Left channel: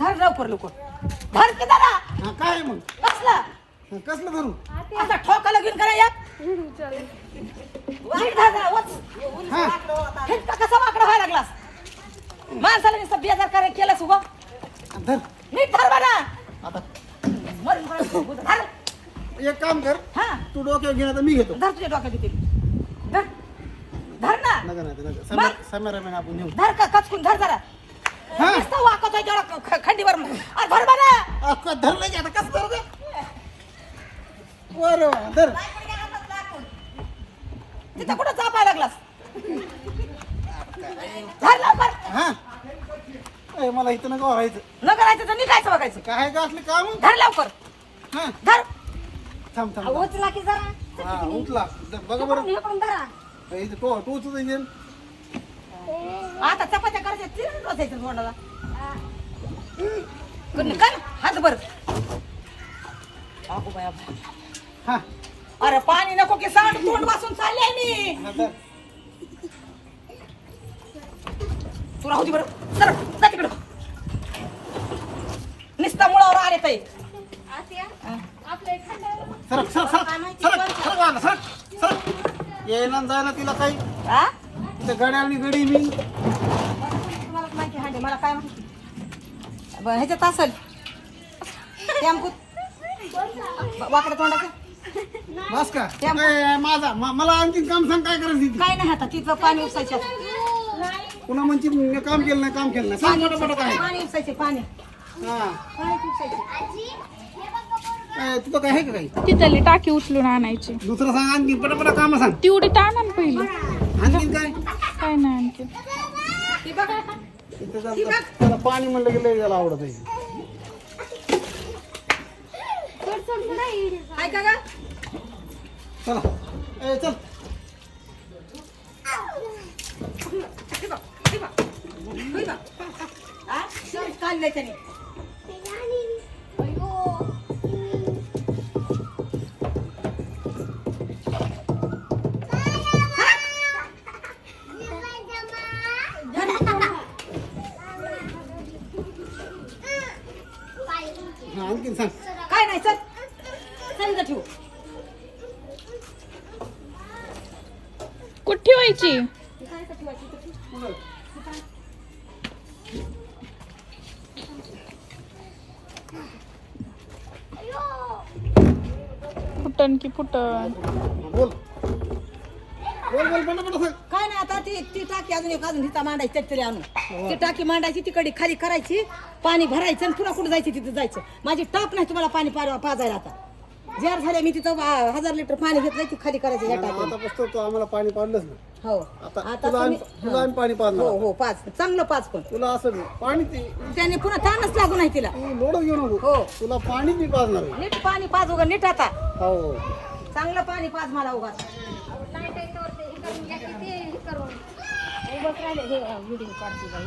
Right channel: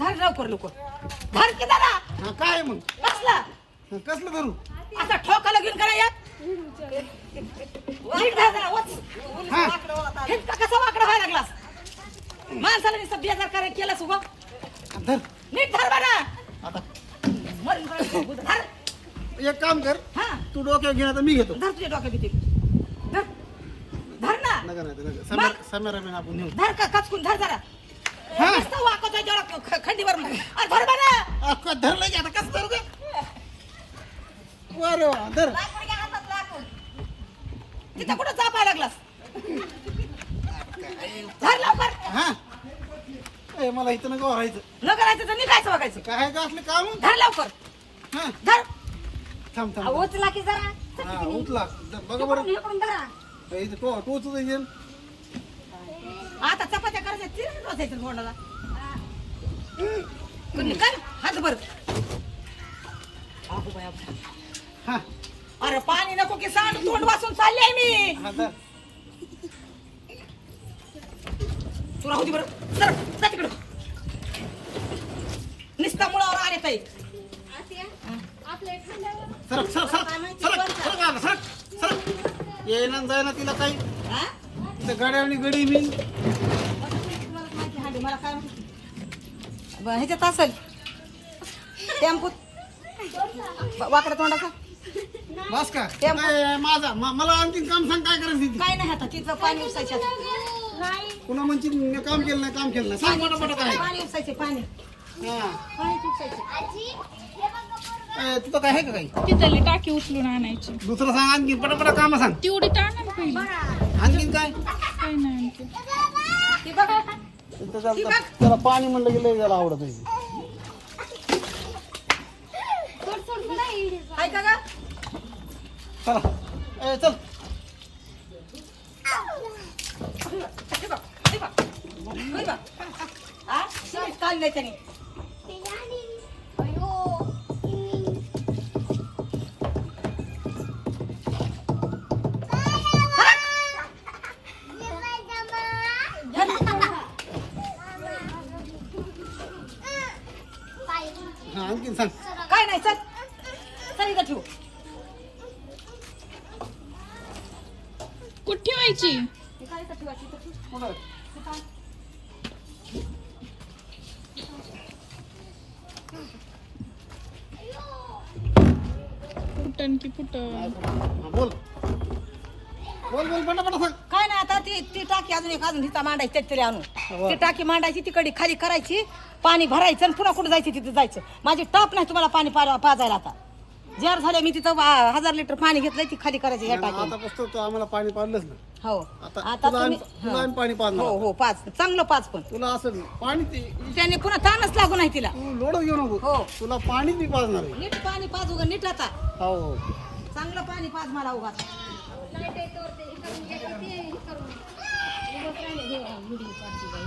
धर लवकर लवकर. धर की हा काय मग? कसला? हा, कसलं भरू असा ठोकाला घेऊन करा धर जरा वच हा. हे का कसा वाकडा व्हायला लागलास? माणसाला नुसतं बेजार करायला केलंस उभं धर. नीट धर बना आता. मरून पडेल. धर. एक काम कर. हा. तू डोक्यावर घेणार तर मी घेतो. धर तुझ्या डोक्यात भीती धर. धर ना. नका नका नका. समोर समोर आपण नेऊ. धर का कचकून धर जरा. हा. नुसतं वाकतोय जरा ख- खंडीवर अरे धर बना अख्खा धरलं की आता कसं धरू का बरं वा, धर. तिथं कुठं लागलास? धर लवकर. हा. ए, मला इथं नका व्हायचं न करायचं तर निघायचं बघायचं. काय का असले काम? धर लवकर. हा. धर. थांब थांब उचला की जरा. हा उठला बघा बरं. इकडून- धरा. इथं टोच येईल. आता चपात्या करायच्या तीन रोजायचं तोंडाला. कर हात बर अगो बाया बाया. हा. अरे पाणी नको की सांड तोंड वाचून चालले मी. तू राहू दे बरं. सर जा तिकडं. नुसता मुळावर आले ताई. सरक सरक सरक सरक सरक. आला, सरक. येईना न जाईना तिला काही. हा? तिथं गड्या आणि गडी मी. तुम्हाला माहिती हांडी, मला काय माहिती बरं, ह्याच्यात असेल. टेम्पूत वाकडं तोंडाचं बस का त्या- ए, माझा म- मला आणखी काम सांग काय करायचं तिथे? काय नाही आता तिथं पाणी उपसायचे पुन्हा म्हणची मी काम केलं नाही काम केलं नाही. सांग मोठं मोठं काय पाणी उपसायचे पाणी हा. पाणी उपसायचे तुझं काय आहे का काही? तिथली टाकी उचलून आणायची. दुसरं सांग आणखी पटापटा काम सांग. तेवढी ताणा ना पहिली. आणखी काय? काय नाही आणखी ती बघा. इथं जरा- त्याला पाणी म्हणलं की लय त्याला आवडत आहे. ऐका का चला. ए, चल. हे बघ, हे बघ. हे बघ. हा? काढलंय त्याने हा आणखी सांग. काय नाही चल. चल इथं ठेवू. कुठे ठेवायची? ती काय इथं ठेवायची इथं ठेवू. फुटन की फुटन? बोल. बोल बोल पटापटा सांग काय नाही आता ती ती टाकी अजून एक अजून तिथं मांडायची त्यातरी आणून. ती टाकी मांडायची तिकडे खाली करायची पाणी भरायचं आणि पुन्हा कुठं जायची तिथं जायचं. माझी टप नाही तुम्हाला पाणी पा- पाजायला आता. जार झाल्या मी तिथं वा- हजार लिटर पाणी घेतलंय ती खाली करायची या टाकी आता पुस्तक तो आम्हाला पाणी पाडलंच ना हो. आता आता तुला आम्ही तुम्ही तुला आम्ही पाणी हो हो पाच चांगलं पाच पण. तुला असं पाणी ते त्याने पुन्हा ताणच लागू नाही तिला. तू लोडच घेऊ नको हो. तुला पाणी मी पाजणार आहे. नीट पाणी पाच उगा नीट आता? हो. हो चांगलं पाणी पाच मला उगा किती करून उभंच राहिले हे व्हिडिओ काढते बाई